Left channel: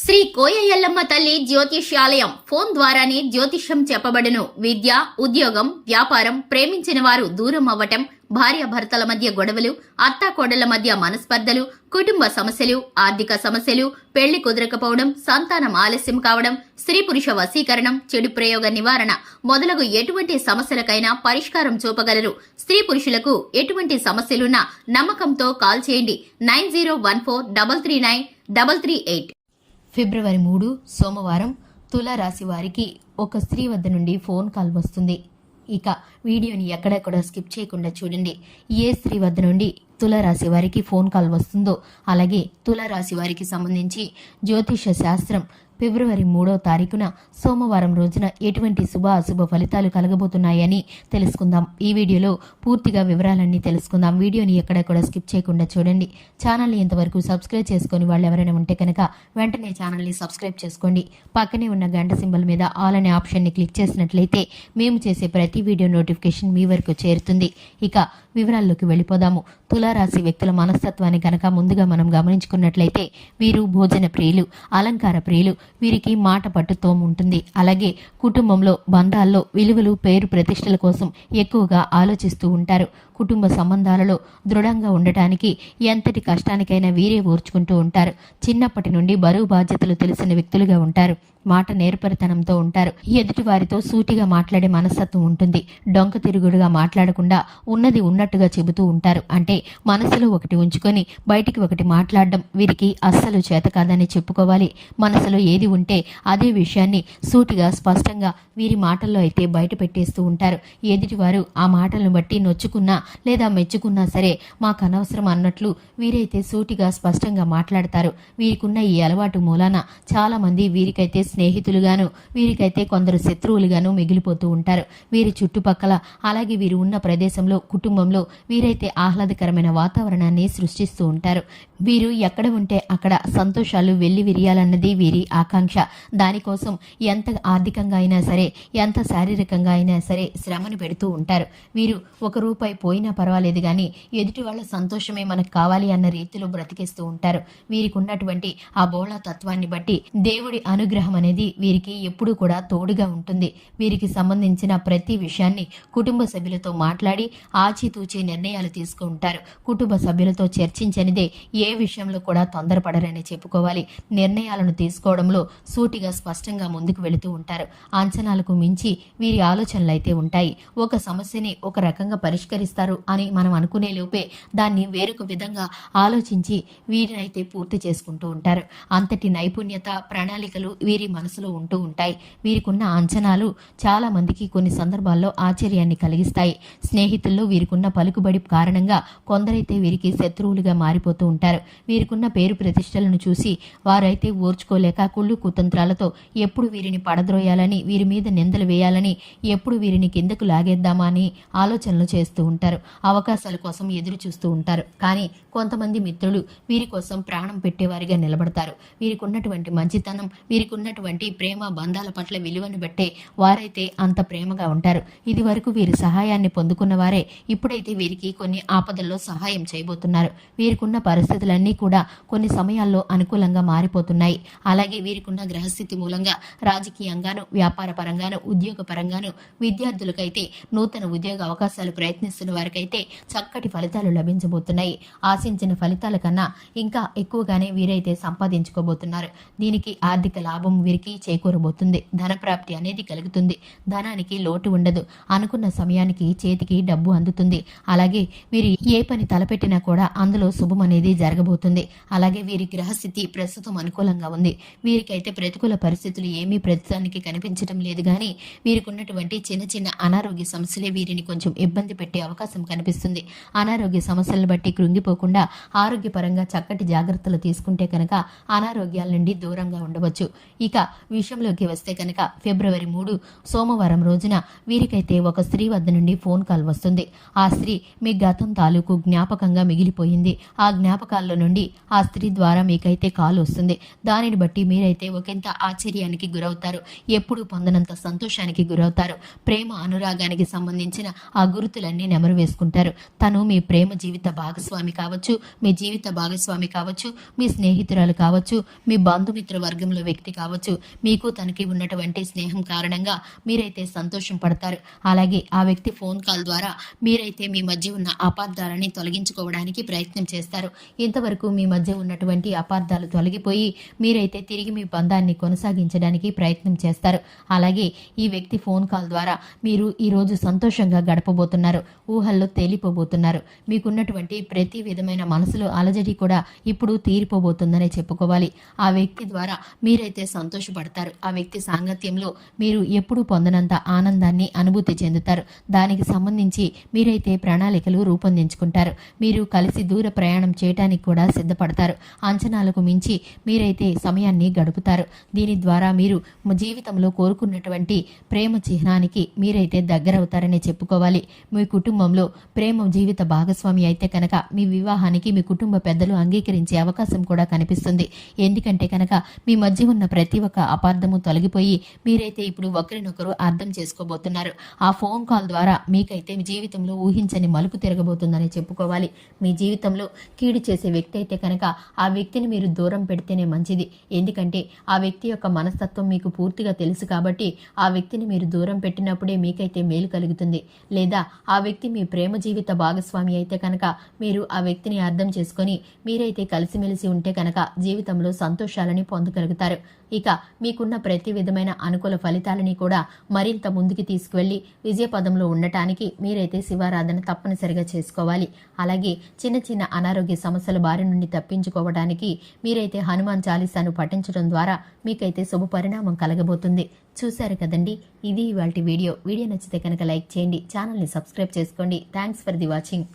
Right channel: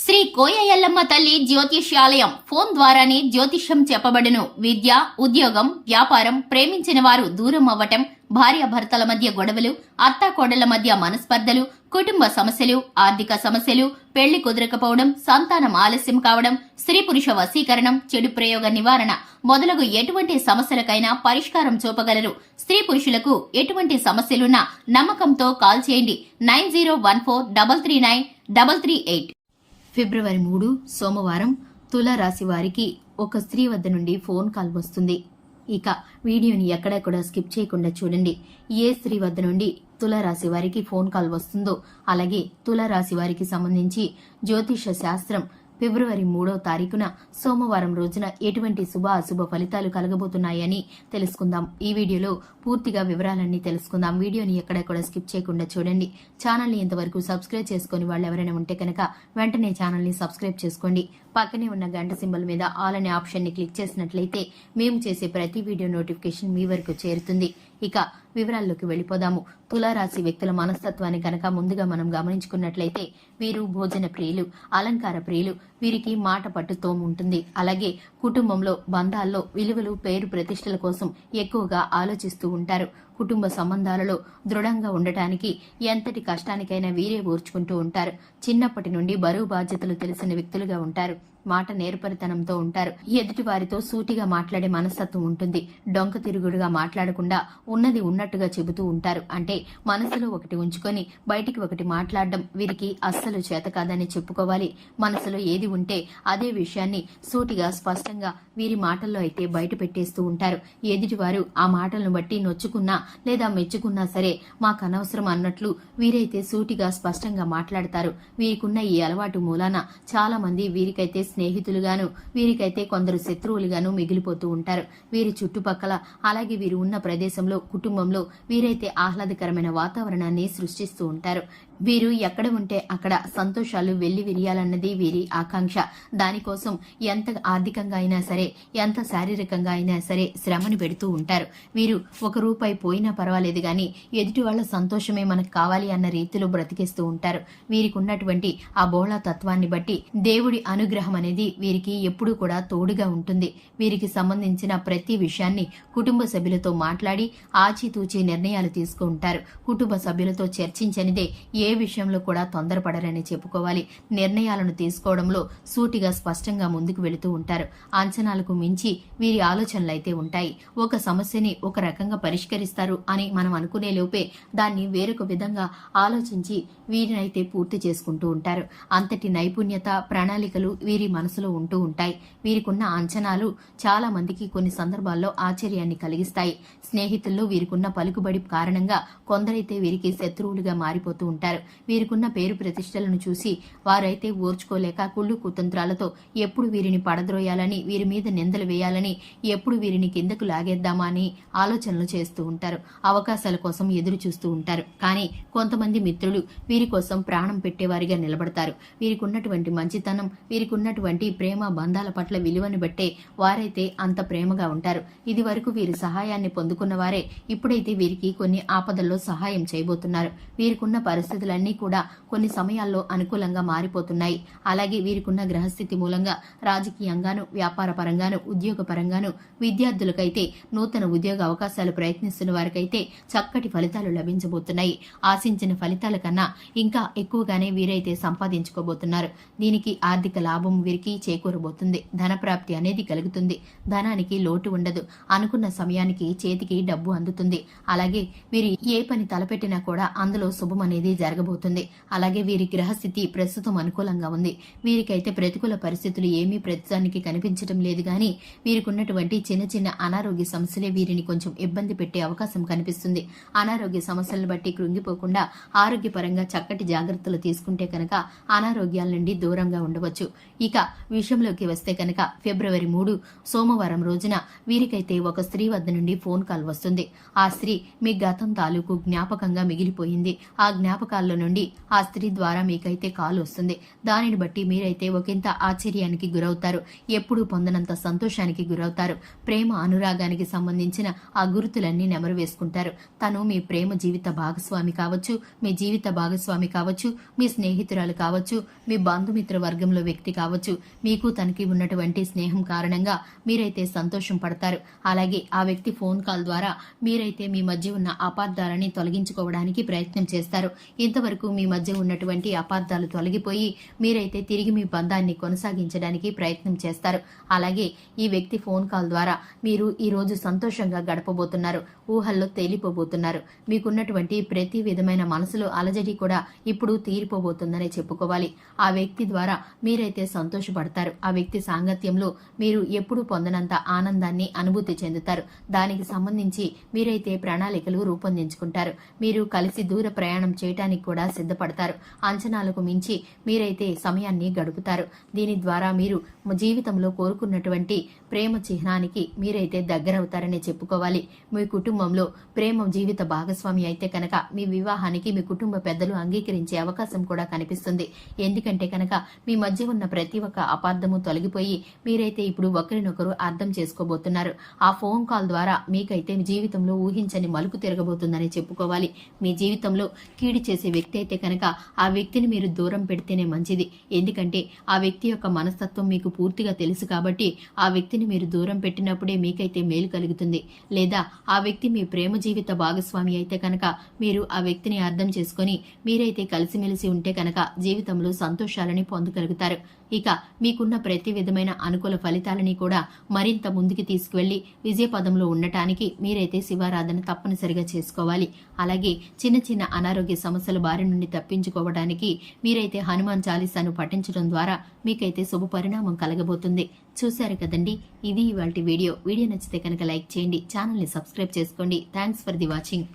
శ్రీ కోయ ఎల్లమ్మ తల్లి జ్యోతిష్యాలయం ఫోన్ ద్వారానే జ్యోతిష్యం చెప్పబడును. విద్య, ఉద్యోగం, వ్యాపారం, ప్రేమించిన వారు దూరం అవ్వటం, భార్యాభర్తల మధ్య గొడవలు, అత్తాకోడళ్ల మధ్య మనస్పర్ధలు, కుటుంబ సమస్యలు, ఆర్థిక సమస్యలు, పెళ్లి కుదరకపోవడం, సంతానం ఆలస్యం కావడం, స్త్రీ పురుష వశీకరణం, చెడు ప్రయోగ నివారణ మొదలగు ఎటువంటి సమస్యలకైనా పరిష్కారం చూపగలరు. స్త్రీ పురుషులకు ఎటువంటి సమస్యలున్నా నమ్మకంతో కాల్ చేయండి. 9014339338. ఫిబ్రవరి 3 సోమవారం తులారాశి వారికి ఒక స్త్రీ వద్ద నుండి ఫోన్ కాల్ వస్తుంది. ఇక వీడియోని ఎక్కడా కూడా స్కిప్ చేయకుండా చూడండి. ఏ స్త్రీ వద్ద నుండి తులారాశి వారికి ఫోన్ కాల్ వస్తుందో, అలాగే తులారాశి వారికి సంబంధించి జ్యోతిష శాస్త్రం ఫిబ్రవరి 3వ తారీఖున సోమవారం రోజున ఎటువంటి శుభ అశుభ ఫలితాలు కలగబోతున్నాయని తెలుసుకుందాం. ఈ వీడియోలో పూర్తిగా వివరాలన్నీ తెలుసుకుందాం. వీడియోని ఎక్కడ కూడా స్కిప్ చేయకుండా చూడండి. ఛానల్ని ఇంతవరకు సబ్స్క్రైబ్ చేసుకుని వాళ్ళు ఎవరైనా ఉంటే కనుక వెంటనే ఛానల్ని సబ్స్క్రైబ్ చేసుకోండి. పక్కనే ఉన్న గంట సింబల్ మీద ఆల్ అనే ఆప్షన్ని క్లిక్ చేసినట్లయితే మేము చేసే ప్రతి వీడియో నోటిఫికేషన్ మీ వరకు చేరుతుంది. ఇక వివరాల్లోకి వెళ్ళిపోదాము. తులారాశి వ్యక్తుల మనస్తత్వాన్ని కనుక ముందుగా మనం గమనించుకున్నట్లయితే వీరు భోజన ప్రియులు, అలంకార ప్రియులు. వీరికి మాట పట్టుతో ఉంటుంది. అలాగే కుటుంబంలో, బంధాల్లో విలువలు, పేరు ప్రతిష్టల కోసం ఎక్కువగా ఆలోచిస్తూ ఉంటారు. కుటుంబ సంబంధాలలో దృఢంగా ఉండటానికి ఎంతటి కష్టానికైనా వీరే ఓర్చుకుంటూ ఉంటారు. చిన్నప్పటి నుండి బరువు బాధ్యతలు తెలిసిన వ్యక్తులుగా ఉంటారు. మాట నేర్పరితనంతో ఉంటారు. ఎదుటి వారితో సూటిగా మాట్లాడే మనస్తత్వం ఉంటుంది. డొంక తిరుగుడుగా మాట్లాడకుండా ఉన్నది ఉన్నట్టుగా చెబుతూ ఉంటారు. అంటే మనసులో ఒకటి ఉంచుకొని బయటికి ఒకటి మాట్లాడడం వీరికి అస్సలు చేత కాదని చెప్పుకోవాలి. మనసులో ఏది ఉంటే అదే విషయాన్ని సూటిగా స్పష్టంగా వీరి మాటల్లో అయితే బయట పెట్టేస్తూ ఉంటారు. ఎదుటివారు ఆ మాటలను బట్టి నొచ్చుకున్నా లేదా మెచ్చుకున్నా సరే మాకు అనవసరం అన్నట్లు వీరైతే సూటిగా స్పష్టంగా మాట్లాడతారు. వీరికున్న ఈ అలవాటు మూలాన చాలా మంది వీరికైతే స్నేహితులుగాను, వీరికైతే కొందరు శత్రువులుగాను మిగిలిపోతూ ఉంటారు. వీరి చుట్టుపక్కల, అలాగే వీరు ఉన్న ప్రదేశంలో, కుటుంబంలో వీరైతే ఆహ్లాదకరమైన వాతావరణాన్ని సృష్టిస్తూ ఉంటారు. వీరు ఎక్కడ ఉంటే అక్కడ సంతోషాలు వెళ్లి విరియాలన్నది వీరి ఆకాంక్ష. దానికోసం ఎంత ఆర్థికంగా అయినా సరే, ఎంత శారీరకంగా అయినా సరే శ్రమను పెడుతూ ఉంటారు. వీరు ₹1 పోయినా పర్వాలేదు గాని ఎదుటి వాళ్ళ సంతోషమే మనకు కావాలి అన్న రీతిలో బ్రతికేస్తూ ఉంటారు. వీరికి ఉన్నటువంటి ఆ బోళా తత్వాన్ని బట్టి దేవుడి అనుగ్రహం అనేది వీరికి ఎప్పుడూ కూడా తోడుగా ఉంటుంది. వీరికి సంబంధించిన ప్రతి విషయాన్ని కుటుంబ సభ్యులతో మాట్లాడి ఆచితూచి నిర్ణయాలు తీసుకుంటారు. కుటుంబ సభ్యులతో చర్చించనిదే ఏ విషయంలో కూడా తొందరపడరని చెప్పుకోవాలి. నిర్ణయాలను తీసుకోవడంలో సూటిగా స్పష్టంగా ముందుకు వెళుతూ ఉంటారు. అంచనాలకు మించి వీరి ఆలోచనలు అయితే ఉంటాయి. ఒక సమస్యని ఒక రకంగా పరిష్కరిస్తారు అని మనం అనుకునే లోపే దాన్ని వేరొక విధంగా ఆలోచించి వీరినైతే పూర్తి చేసుకుంటూ ఉంటారు. అంతటి నైపుణ్యత, ప్రణాళికలు వీరి మనసులో ఉంటూ ఉంటాయి. వీరికున్న అంచనాలు చాలా మందికి కొన్ని సందర్భాల్లో ఆశ్చర్యాన్ని కలిగిస్తాయి. స్నేహితుల్లో వీరికున్న పలుకుబడి కారణంగా కొందరైతే వీరికి శత్రువులుగా మారిపోతూ ఉంటారు. వీరికున్న పేరు ప్రతిష్టలను చూసి వారైతే ఓర్చుకోలేక కుళ్ళు కుతంత్రాలతో ఎప్పుడు వీరిని పడద్రోయాలని, వీరి మీద నిందలు వేయాలని, ఎప్పుడు వీరిని కిందకు లాగేద్దామా అని ఆలోచనలు చేస్తూ ఉంటారు. అవకాశాల కోసం ఎదురు చూస్తూ ఉంటారు. కానీ కొంతమంది మిత్రులు వీరి కోసం ప్రాణం పెట్టేవారిగా నిలబడతారు. వీరికి ఉన్నటువంటి మంచితనం, వీరికి ఉన్నటువంటి ప్రేమ బంధాల పట్ల విలువను బట్టే వారైతే అంత ప్రేమగా ఉంటారు. ఇది వరకు వీరి సహాయాన్ని పొందుకున్న వారే ఇప్పుడైతే వీరికి కొన్ని ఆపదల్లో సహాయం చేయబోతున్నారు. వీరికున్న పరిస్థితులన్నీ కూడా కొన్ని సమయాల్లో అనుకూలంగా మారిపోతున్నాయి. అలాగే వీరికున్న గ్రహస్థితి మూలంగా రాజకీయంగాను, వ్యాపార పరంగాను, ఉద్యోగ పరంగాను, విద్యార్థులకైతే నూతన ఉద్యోగ అవకాశాలు ప్రయత్నిస్తున్న వారికైతే చక్కటి ఫలితాలు లభించబోతున్నాయి. ఆశించిన ఫలితాల కన్నా ఇంకా ఎక్కువగానే వీరైతే సంపాదించుకోబోతున్నారు. దీనికి ఆర్థిక లాభం వీరికి చేకూరబోతుంది. ధనప్రాప్తి అనేది కలుగుతుంది. ధనానికి లోటు ఉండదు. అనుకున్న సమయానికి చేతికి డబ్బు అందుతుంది. అలాగే వీరు ఏ పని తలపెట్టినా కూడా అందులో శుభం అనేది జరగబోతుంది. అలాగే వీరి గ్రహస్థితి ప్రస్తుతం అనుకూలంగా ఉంది. వీరికైతే ప్రతికూల పరిస్థితులు ఏమీ ప్రస్తుతానికి కనిపించడం లేదు. గాని వీరికి ఉన్నటువంటి చిన్న చిన్న అనారోగ్య సమస్యలే వీరిని కొంచెం ఇబ్బంది పెట్టే అవకాశం కనిపిస్తుంది. అనారోగ్య సమస్యలను బట్టి కృంగిపోకుండా ఆరోగ్యపరంగా చక్కటి జాగ్రత్తలు తీసుకుంటే కనుక అనారోగ్యాల నుండి దూరంగా ఉండవచ్చు. ఇక ఇక విషయంలోకి వస్తే కనుక ఫిబ్రవరి 3 సోమవారం రోజున వీరికైతే ఒక స్త్రీ వద్ద నుండి ఫోన్ కాల్ వస్తుంది. ఆ స్త్రీ మీ గతం తాలూకు జ్ఞాపకంగా మిగిలిపోయింది. ఆ జ్ఞాపకాల్లో నుండి ఆ స్త్రీ ద్వారా మీకైతే కాల్ వస్తుంది. దానిని బట్టి మీరైతే ఒకంత ఆశ్చర్యానికి గురవుతారు. ఎప్పుడూ పొందనంత సంతోషానికి గురవుతారు. ప్రేమ అనురాగానికి సంబంధించిన ఆ గుర్తులన్నీ నెమరు వేసుకుంటారు. తను మీ ప్రేమ జీవిత భాగస్వామి కావచ్చు, మీ జీవిత భాగస్వామి కావచ్చు, మీ స్నేహితురాలు కావచ్చు, మీ బంధుమిత్ర వర్గంలో వ్యక్తి కావచ్చు. మీకు తనకి ఉన్నటువంటి స్నేహం కారణంగా మీరైతే సంతోషం పడతారు. అలాగే ఆ వ్యక్తి ఫోన్ కాల్ ద్వారా మీరైతే మీ మధ్య ఉన్న అపార్థాలని తొలగించుకోవడానికి ప్రయత్నం చేస్తారు. ఇంతవరకు మీ మధ్య ఉన్నటువంటి అపార్థాలు తొలగిపోయి మీరైతే తిరిగి మీ బంధాన్ని కొనసాగించడానికి ప్రయత్నం చేస్తారు. అలాగే ఈ వ్యక్తి ఫోన్ కాల్ ద్వారా మీరు ఈరోజు సంతోషంగా గడపబోతున్నారు. ఊహల్లో తేలిపోబోతున్నారు. మీకున్నటువంటి ప్రతి విధమైన మనసులో అలజడి కూడా ఇప్పుడు తీరిపోబోతుందనే చెప్పుకోవాలి. ఆ వ్యక్తి ద్వారా మీరైతే సంతోషపడతారు. ఆ వ్యక్తి సాంగత్యంలో మీరు ఎప్పుడూ పొందనంత ఆనందాన్ని అనుభూతి చెందుతారు. దానికి సంబంధించి మీరైతే ప్రణాళికలు రూపొందించుకుంటారు. మీరు కలిసి దూర ప్రయాణం చేయడానికి కూడా సిద్ధపడతారు. అంచనాలకు మించి మీరైతే సమయాన్ని గడుపుతారు. దీని ద్వారా మీరు జీవితంలో కోరుకున్నటువంటి ప్రేమ చిహ్నానికి మీరైతే దగ్గరవుతారని చెప్పుకోవాలి. మీ కుటుంబంలో ప్రేమ జీవిత భాగస్వామి అయితే కనుక మీ వివాహానికి మీ కుటుంబ పెద్దలు అంగీకరించే అవకాశం కూడా కనిపిస్తుంది. ఎందుకంటే కనుక మీ మధ్య ఉన్న ప్రతి ఒక్క అపార్థము తొలగిపోయి మీరైతే ఇప్పుడు ఒకరినొకరు అర్థం చేసుకోబోతున్నారు. ఆ ఫోన్ కాల్ ద్వారా మీకైతే మీ జీవితంలో ఊహించని మలుపు తిరగబోతుందని చెప్పుకోవాలి. మీ జీవితంలో కీడు చేసే వ్యక్తి అయితే కనుక ఆ వ్యక్తిని మీరు దూరం పెడితేనే మంచిది. ఎందుకంటే ఆ వ్యక్తి యొక్క మనస్తత్వం మీకు పూర్తిగా తెలుసు కాబట్టి ఆ వ్యక్తిని మీరు దూరం పెట్టినప్పుడే మీకైతే మేలు కలుగుతుంది. లేదా ఆ వ్యక్తి మీ ప్రేమ జీవిత భాగస్వామి అయితే కనుక మీరు ఆ వ్యక్తిని అర్థం చేసుకొని మీరైతే కలిసిమెలిసి ఉంటే కనుక జీవితంలో సంతోషాలని పొందగలుగుతారు. ఇక మీకున్న ప్రతి విధమైన అనుకూల ఫలితాలని కూడా మరింత ముందుకు తీసుకువెళ్లి విజయపదంలో ఉండటానికి మీరైతే శివారాధన తప్పనిసరిగా చేసుకోవాలి. అలాగే చిన్న చిన్న అనారోగ్య సమస్యల బారి నుండి తప్పించుకోవడానికి మీరైతే హనుమాన్ చాలీసాను పఠించడం ద్వారా మీకైతే శుభ పరిణామం కలగబోతుంది. చూశారు కదండి, ఇది ఇవాల్టి వీడియో. వీడియో నచ్చితే కనుక లైక్ చేయండి, ఛానల్ని సబ్స్క్రైబ్ చేసుకోండి. Thanks for the watching.